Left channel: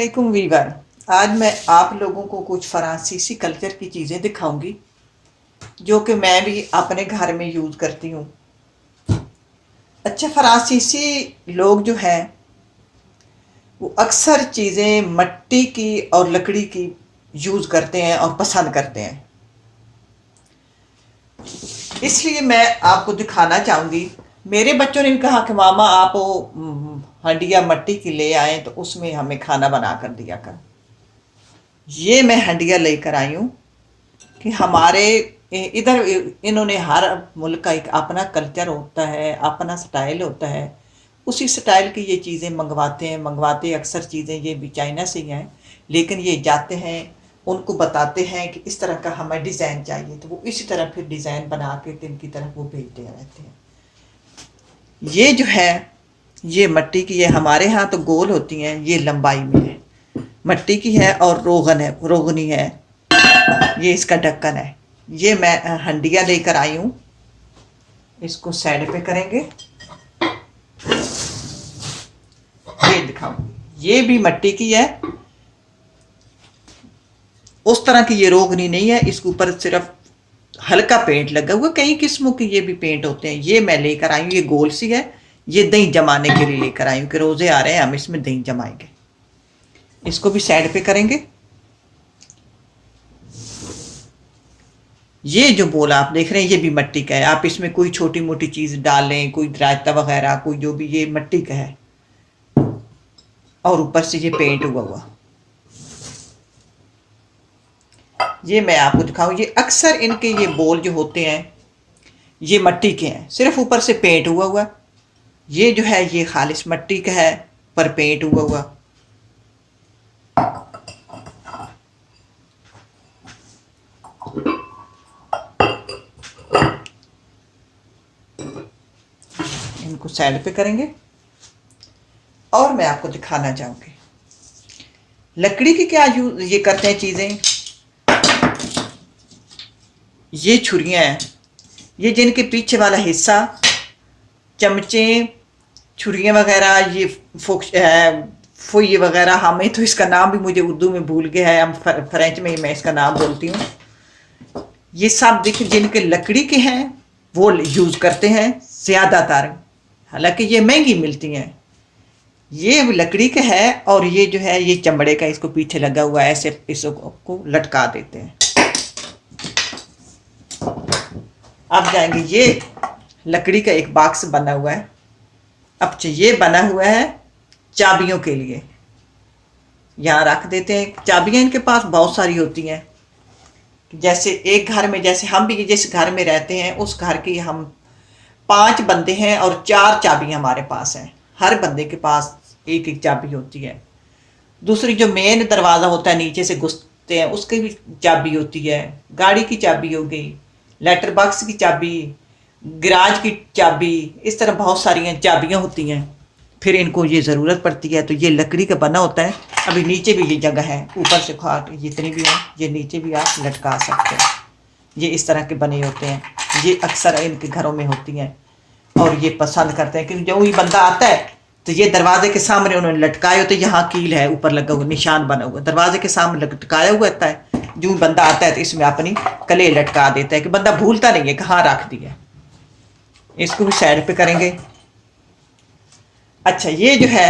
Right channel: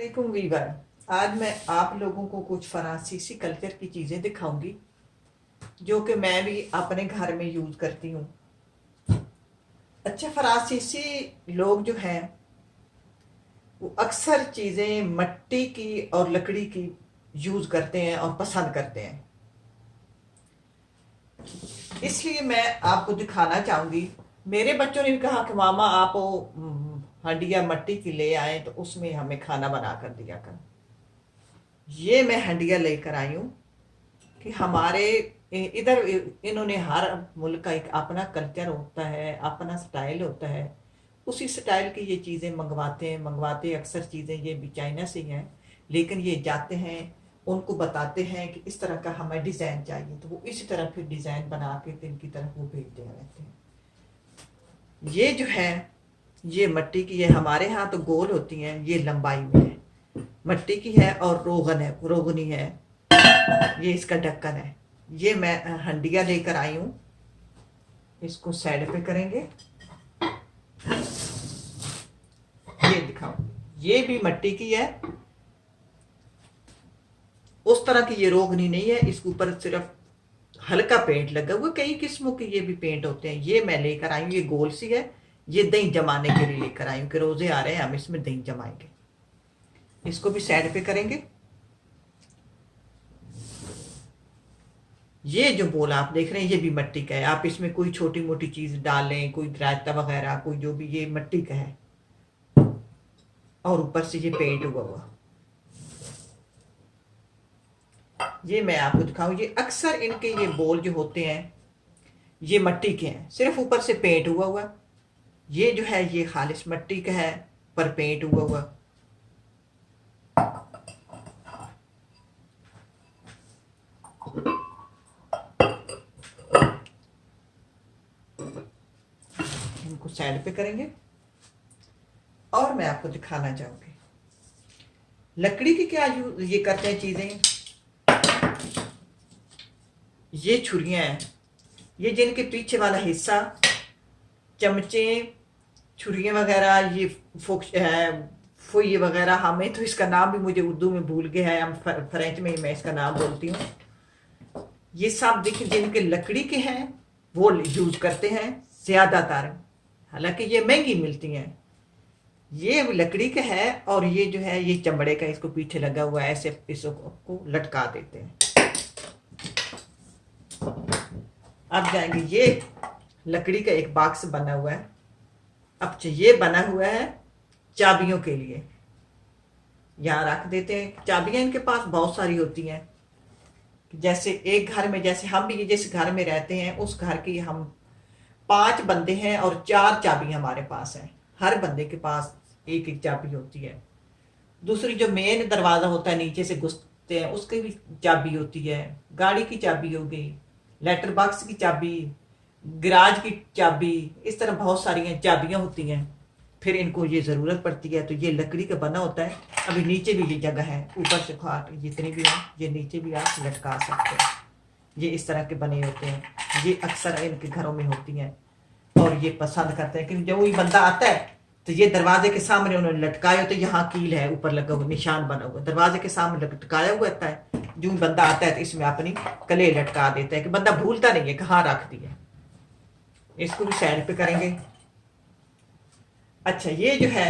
अस्सलामुअलैकुम वीवर। आज मैं आप लोगों को कुछ फ़्रांसीसी कल्चर की चीज़ें दिखाऊंगी जो कि मैं भी अपने घर में यूज़ करती हूँ। अच्छा, फ़्रांसीसी लोग जो हैं वो अक्सर चीज़ें मिट्टी की और लकड़ी की यूज़ करते हैं और पसंद करते हैं। इसलिए मैं आपको दिखाना चाहूँगी। मेरे बच्चों ने भी कहा कि मामा आप वो हंडिया मिट्टी की ले आए तो उसमें हमें खाना बना कर दिया कर। ये मैं हंडिया लेकर आई हूँ कि हमारे इधर इन्होंने हर मुल्क का एक अपना कल्चर होता है, अपना स्टाइल होता है। उसी स्टाइल की ये चीज़ें मंगवाते अक्सर चीज़ें ये भी चाइना से ही हैं। लेकिन ये जाते हैं, उनको बताते हैं कि इस तरह का हमें डिज़ाइन चाहिए, तो वो इसी तरह फिर डिज़ाइन बना के दिन की तरफ वो भेजते रहते हैं। ये जो है ये मिट्टी की है। हमारे यहाँ तो गोल होती हैं, ये लंबाई में है, मिट्टी की है और रोगनी है। ये इसका ढक्कन है। ये मैं हंडिया लेकर आई हूँ। इसको साइड पे करेंगे। ये दिखाओ, ये भी मिट्टी की है। उस तरह की ये रोगनी नहीं है, इसके ऊपर सिर्फ हल्का पेंट लगा हुआ। कई किस्मों के ये भी पेंट होते हैं। ये मैं लेकर आई हूँ, ये गोल सी है। ये दही जमाने के लिए लेकर आई हूँ कि रोजे आ रहे हैं, हम इसमें दही जमाएंगे। इसको भी साइड पे करेंगे। ये जो बोल आप देख रहे हैं ये भी मिट्टी का है। आप इसमें कोई छोटी मोटी चीज डालें, कोई रायता वगैरह, कोई जो भी, ये मिट्टी का है और ऊपर से ये पेंट हुआ हुआ। ये मैं आपको दिखाऊं। ये अक्सर इनके ये बोल जो होते हैं ये मिट्टी के हैं, सिर्फ ऊपर से पेंट हुआ हुआ। ये जो है ये खालिश मिट्टी का है, पर पेंट हुआ हुआ। इनको साइड पे करेंगे और मैं आपको दिखाना चाहूंगी लकड़ी की क्या यूज ये करते हैं चीजें। ये छुरियां हैं, ये जिनके पीछे वाला हिस्सा, चमचे, छुरियां वगैरह, ये फुई वगैरह, हमें तो इसका नाम भी मुझे उर्दू में भूल गया है, हम फ्रेंच में मैं इसका नाम बोलती हूँ। ये सब देख जिनके लकड़ी के हैं वो यूज करते हैं ज्यादातर, हालांकि ये महंगी मिलती हैं। ये लकड़ी का है और ये जो है ये चमड़े का, इसको पीछे लगा हुआ है, ऐसे इसको लटका देते हैं। अब जाएंगे, ये लकड़ी का एक बॉक्स बना हुआ है। अब ये बना हुआ है चाबियों के लिए, यहाँ रख देते हैं। चाबियां इनके पास बहुत सारी होती हैं। जैसे एक घर में, जैसे हम भी जिस घर में रहते हैं उस घर की हम 5 बंदे हैं और 4 चाबी हमारे पास हैं। हर बंदे के पास एक एक चाबी होती है। दूसरी जो मेन दरवाज़ा होता है नीचे से घुसते हैं उसकी भी चाबी होती है। गाड़ी की चाबी हो गई, लेटर बॉक्स की चाबी, गराज की चाबी, इस तरह बहुत सारी चाबियां होती हैं। फिर इनको ये ज़रूरत पड़ती है तो ये लकड़ी का बना होता है। अभी नीचे भी ये जगह है, ऊपर से खाट जितनी भी हो ये नीचे भी आप लटका सकते हैं। ये इस तरह के बने होते हैं, ये अक्सर इनके घरों में होती हैं और ये पसंद करते हैं क्योंकि जो ही बंदा आता है तो ये दरवाजे के सामने उन्होंने लटकाए होते हैं। यहाँ कील है, ऊपर लगा हुआ निशान बना हुआ, दरवाजे के सामने लटकाया हुआ रहता है। जो बंदा आता है तो इसमें अपनी कले लटका देता है कि बंदा भूलता नहीं है कहाँ रख दी है। इसको भी साइड पे करेंगे। अच्छा, ये जो है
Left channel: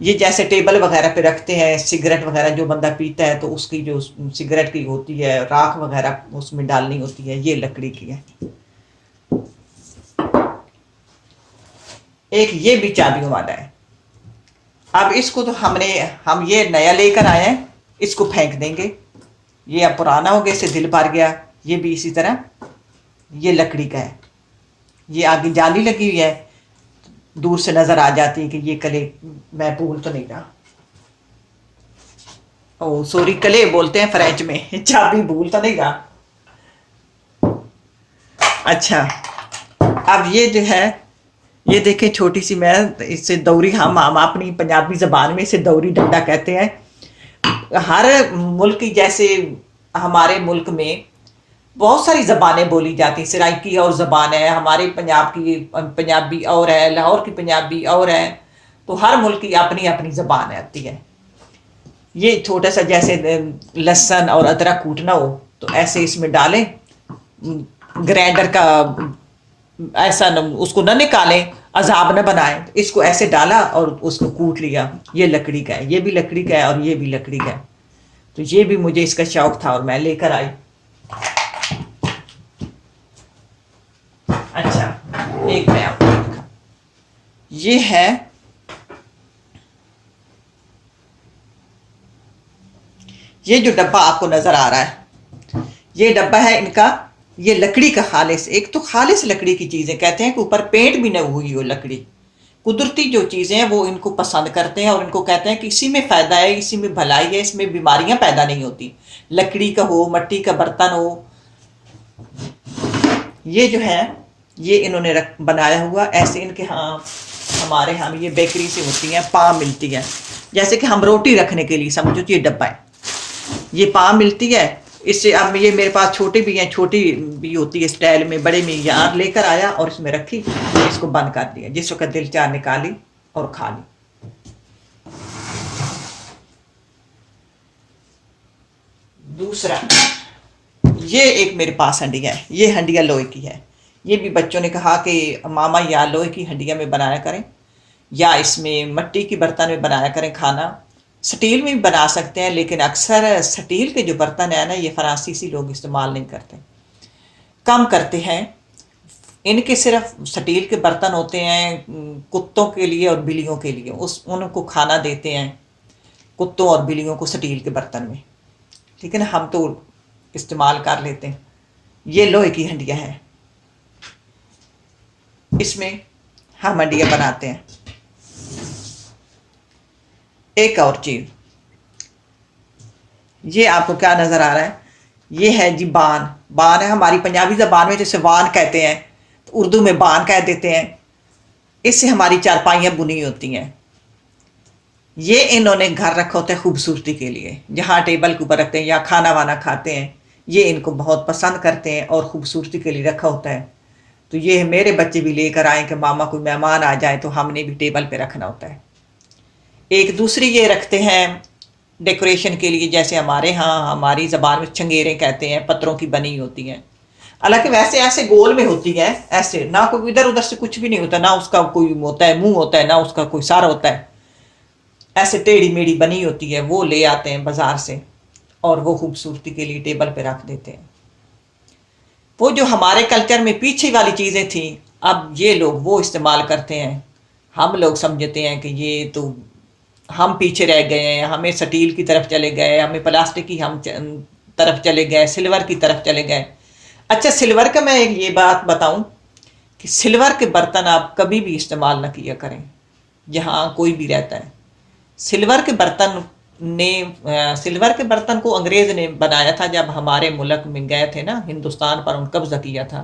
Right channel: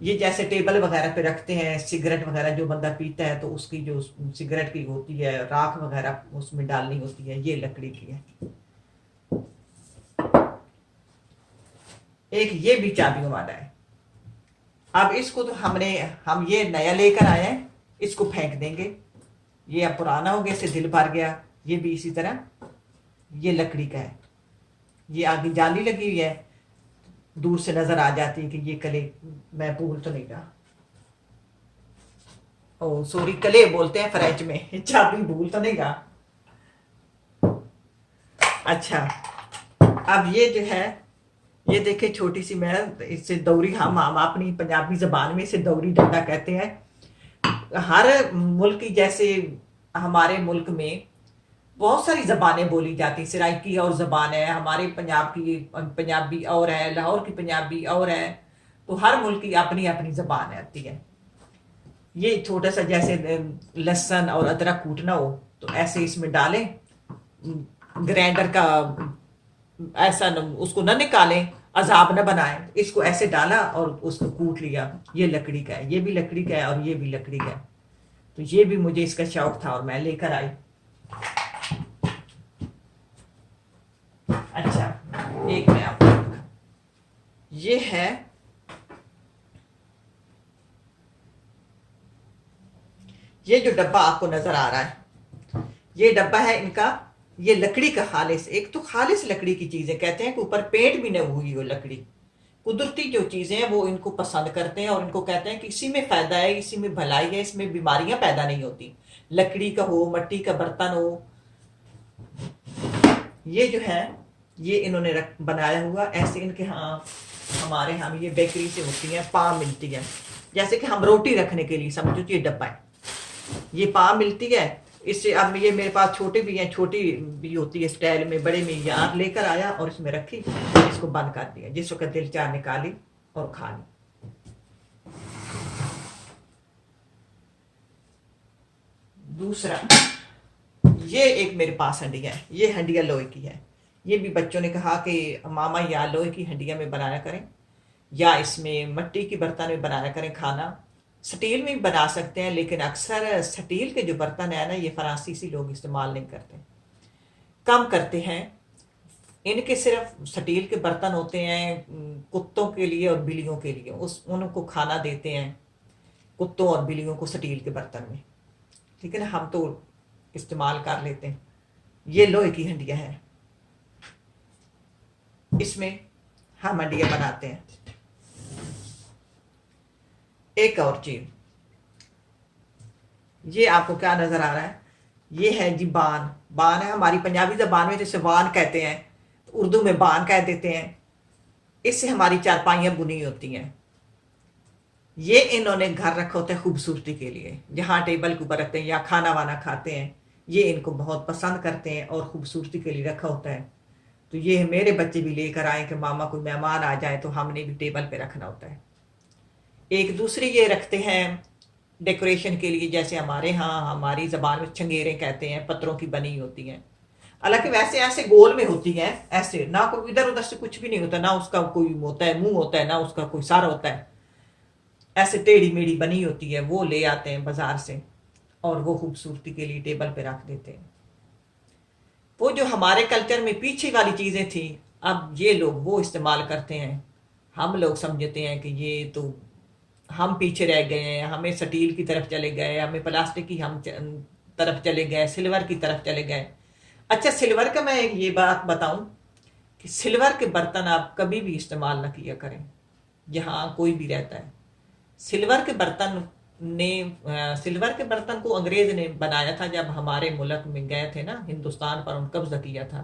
ये जैसे टेबल वगैरह पे रखते हैं, सिगरेट वगैरह जो बंदा पीता है तो उसकी जो सिगरेट की होती है राख वगैरह उसमें डालनी होती है, ये लकड़ी की है। एक ये भी चाबियों वाला है। अब इसको तो हम ये नया लेकर आए हैं, इसको फेंक देंगे। ये अब पुराना हो गया, इससे दिल भर गया। ये भी इसी तरह ये लकड़ी का है। ये आगे जाली लगी हुई है, दूर से नजर आ जाती है कि ये कले, मैं भूल तो नहीं रहा, ओ सॉरी, कले बोलते हैं फ्रेंच में, चाबी भूल तो नहीं रहा। अच्छा, अब ये जो है ये देखें छोटी सी, मैं इससे दौरी, हम अपनी पंजाबी जबान में इसे दौरी डंडा कहते हैं। हर मुल्क की, जैसे हमारे मुल्क में बहुत सारी ज़बानें बोली जाती हैं। सराइकी और ज़बान है, हमारे पंजाब की पंजाबी और है, लाहौर की पंजाबी और है, तो हर मुल्क की अपनी अपनी ज़बान आती है। ये छोटा सा जैसे लहसुन और अदरक कूटना हो तो ऐसे इसमें डालें, ग्राइंडर का ऐसा न, उसको न निकालें, अजाब न बनाएं, तो इसको ऐसे डाला और उसको कूट लिया। ये लकड़ी का है, ये भी लकड़ी का है और ये भी लकड़ी का है। तो ये भी मुझे इसका शौक था और मैं लेकर आई। अच्छा, एक मैं आपको दिखा, ये है, ये जो डब्बा आपको नजर आ रहा है, ये डब्बा है इनका, ये लकड़ी का खालिस, एक तो खालिस लकड़ी की चीजें, कहते हैं कि ऊपर पेंट भी न हुई हो लकड़ी, कुदरती जो चीजें हैं वो इनको पसंद करते हैं और इनको कहते हैं कि इसी में फायदा है, इसी में भलाई है, इसमें बीमारियां पैदा नहीं होती। लकड़ी का हो, मट्टी का बर्तन हो, ये जो है ये इन्होंने बनाया हुआ ऐसे। इनके यहाँ, हमारे यहाँ ये बेकरी से होती है, पाव मिलती है, जैसे कि हम रोटी रखने के लिए समझो तो ये डब्बा है, ये पाव मिलती है इससे। अब ये मेरे पास छोटी भी हैं, छोटी भी होती है स्टाइल में, बड़े में यहाँ लेकर आया और इसमें रखी, इसको बंद कर दिया, जिस वक्त दिल चाह निकाली और खा ली। दूसरा, ये एक मेरे पास हंडिया है, ये हंडिया लोहे की है। ये भी बच्चों ने कहा कि मामा या लोहे की हंडिया में बनाया करें या इसमें मिट्टी की बर्तन में बनाया करें खाना। स्टील में भी बना सकते हैं, लेकिन अक्सर स्टील के जो बर्तन है ना, ये फ्रांसीसी लोग इस्तेमाल नहीं करते, कम करते हैं। इनके सिर्फ स्टील के बर्तन होते हैं कुत्तों के लिए और बिल्लियों के लिए, उस उनको खाना देते हैं कुत्तों और बिल्लियों को स्टील के बर्तन में, ठीक है ना, हम तो इस्तेमाल कर लेते हैं। ये लोहे की हंडिया है, इसमें हम हंडिया बनाते हैं। एक और चीज, ये आपको क्या नजर आ रहा है, ये है जी बान। बान है हमारी पंजाबी जबान में जैसे वान कहते हैं, तो उर्दू में बान कह देते हैं। इससे हमारी चारपाइयाँ बुनी होती हैं। ये इन्होंने घर रखा होता है खूबसूरती के लिए, जहाँ टेबल के ऊपर रखते हैं या खाना वाना खाते हैं, ये इनको बहुत पसंद करते हैं और खूबसूरती के लिए रखा होता है। तो ये मेरे बच्चे भी लेकर आए कि मामा कोई मेहमान आ जाए तो हमने भी टेबल पे रखना होता है। एक दूसरी ये रखते हैं डेकोरेशन के लिए, जैसे हमारे यहाँ हमारी ज़बान में चंगेरें कहते हैं, पत्थरों की बनी होती हैं। हालांकि वैसे ऐसे गोल में होती है, ऐसे ना कोई इधर उधर से कुछ भी नहीं होता, ना उसका कोई होता है मुंह होता है, ना उसका कोई सार होता है, ऐसे टेढ़ी मेढ़ी बनी होती है। वो ले आते हैं बाजार से और वो खूबसूरती के लिए टेबल पे रख देते हैं। वो जो हमारे कल्चर में पीछे वाली चीज़ें थी, अब ये लोग वो इस्तेमाल करते हैं। हम लोग समझते हैं कि ये तो हम पीछे रह गए हैं, हमें स्टील की तरफ चले गए, हमें प्लास्टिक की हम तरफ चले गए, सिल्वर की तरफ चले गए। अच्छा, सिल्वर का मैं एक ये बात बताऊं कि सिल्वर के बर्तन आप कभी भी इस्तेमाल ना किया करें जहाँ कोई भी रहता है। सिल्वर के बर्तन सिल्वर के बर्तन को अंग्रेज ने बनाया था, जब हमारे मुल्क में गए थे ना, हिंदुस्तान पर उन कब्जा किया था,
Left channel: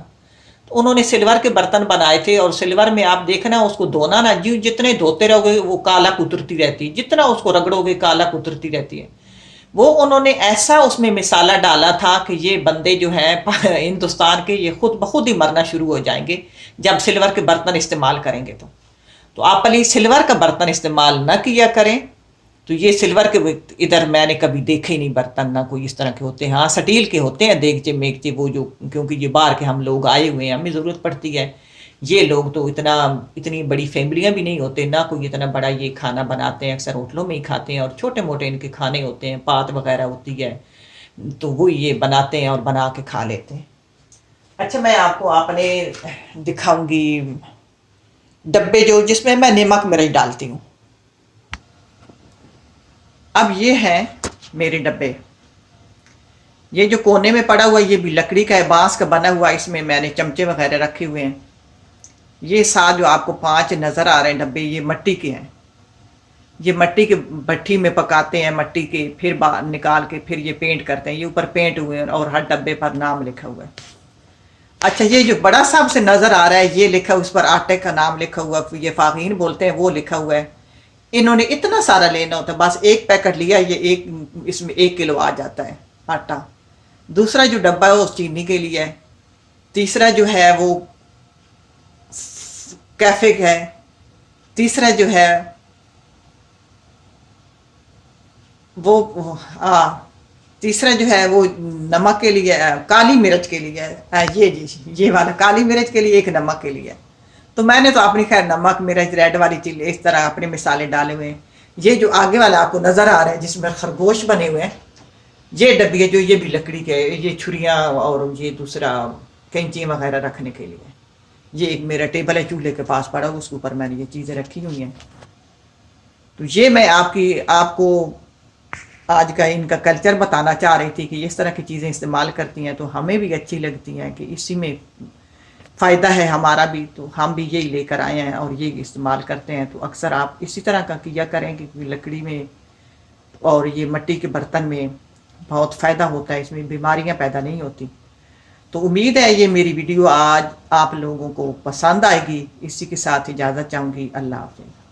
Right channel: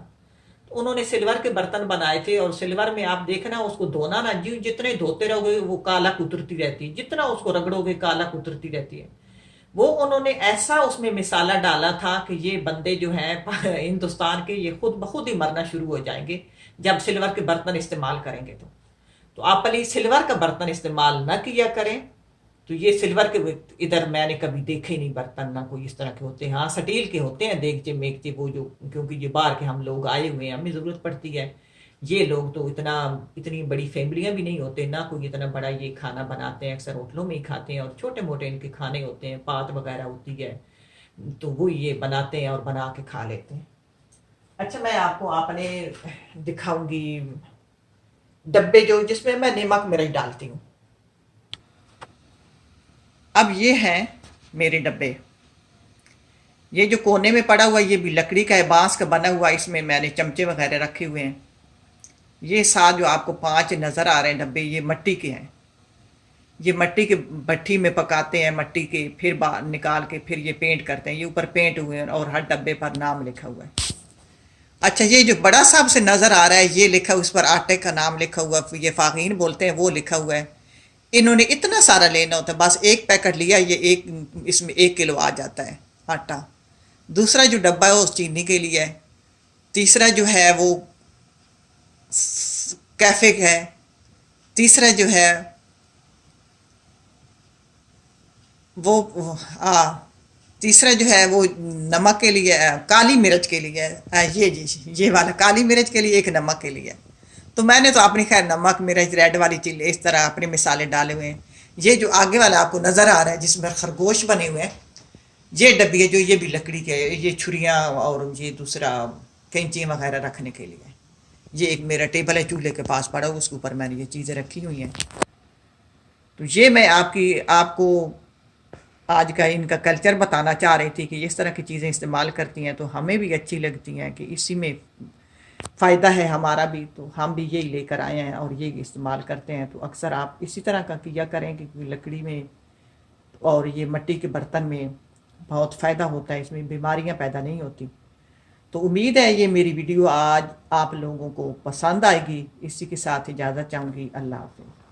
तो उन्होंने सिल्वर के बर्तन बनाए थे। और सिल्वर में आप देखना, उसको धोना ना, जी जितने धोते रहोगे वो काला कुतरती रहती है, जितना उसको रगड़ोगे काला कुतरती रहती है। वो उन्होंने ऐसा उसमें मिसाला डाला था कि ये बंदे जो हैं हिंदुस्तान के, ये खुद ब खुद ही मरना शुरू हो जाएंगे जब सिल्वर के बर्तन इस्तेमाल करेंगे। तो आप प्लीज सिल्वर का बर्तन इस्तेमाल न किया करें। तो ये सिल्वर के इधर मैंने कभी देखे ही नहीं बर्तन, ना कोई इस तरह के होते हैं। हाँ, स्टील के होते हैं देगचे मेगचे, वो जो, क्योंकि ये बाहर के हम लोग आए हुए हैं, हमें ज़रूरत पड़ती है। ये लोग तो इतनी बड़ी फैमिलियां भी नहीं होते, ना कोई इतना बड़ा ये खाना बनाते हैं, अक्सर होटलों में ही खाते हैं और छोटे मोटे इनके खाने होते हैं, पात वगैरह होती है, तो वो ये बनाते हैं और बना के खा लेते हैं। अच्छा, मैं आपको आपने दिखाऊंगी डब्बे जो, जिसमें मैं नमक मिर्च डालती हूँ। अब ये हैं मेरे डब्बे, ये जो कोने में पड़ा हुआ ये भी लकड़ी का है, बांस का बना हुआ, इसमें मैंने चमचे वगैरह रखे हुए हैं। ये साथ जो आपको 5 नज़र आ रहे हैं डब्बे, ये मिट्टी के हैं। ये मिट्टी के भट्टी में पकाते हैं, मिट्टी के, फिर बाहर निकाल के फिर ये पेंट करते हैं। ये ऊपर पेंट हुए हैं और हर डब्बे पर नाम लिखा हुआ है। अच्छा, ये जो बड़ा साहब से नज़र आ रहा है, ये लिखा, उस पर आटे का नाम लिखा हुआ, ये फाकीन बोलते हैं, वो लिखा हुआ है। इन्होंने इतना सारा लेना होता है, बस एक पैकेट लिया, ये एक, इसमें 1 किलो आ जाता है आटा। दूसरा जो डब्बा है वो चीनी के लिए है। तीसरा जो है वो कैफे है। तीसरा जो है तीसरा जो है वो नमक के लिए काली मिर्च के लिए ये जी ये वाला काली मिर्च के लिए, एक नमक के लिए। तो मैंने तो अपनी खैर नमक मिर्च रेड वाली चिल्ली इस तरह अपने मिसाले डाले हुए हैं। ये जो आगे वाला आपको नज़र आ रहा है जिसमें खरगोश बने हुए हैं, ये डब्बी है जो ये भी लकड़ी के, ये छुरियाँ और ये दूसरा कैंची वगैरह रखने के लिए। ये एक मेरा टेबल है चूल्हे के पास पड़ा हुआ, उसके ऊपर मैंने ये चीज़ें रखी हुई हैं। तो ये मैं आपको आज का इनका कल्चर बताना चाह रही थी कि इस तरह की चीज़ें इस्तेमाल करती हैं तो हमें भी अच्छी लगती हैं कि इसी में फ़ायदा है हमारा भी, तो हम भी यही लेकर आए हैं और ये इस्तेमाल करते हैं। तो अक्सर आप इसी तरह का किया करें कि लकड़ी में और ये मिट्टी के बर्तन में बहुत फ़ायदा होता है, इसमें बीमारियां पैदा नहीं होती। तो उम्मीद है ये मेरी वीडियो आज आप लोगों को पसंद आएगी। इसी के साथ इजाज़त चाहूँगी। अल्लाह हाफ़िज़।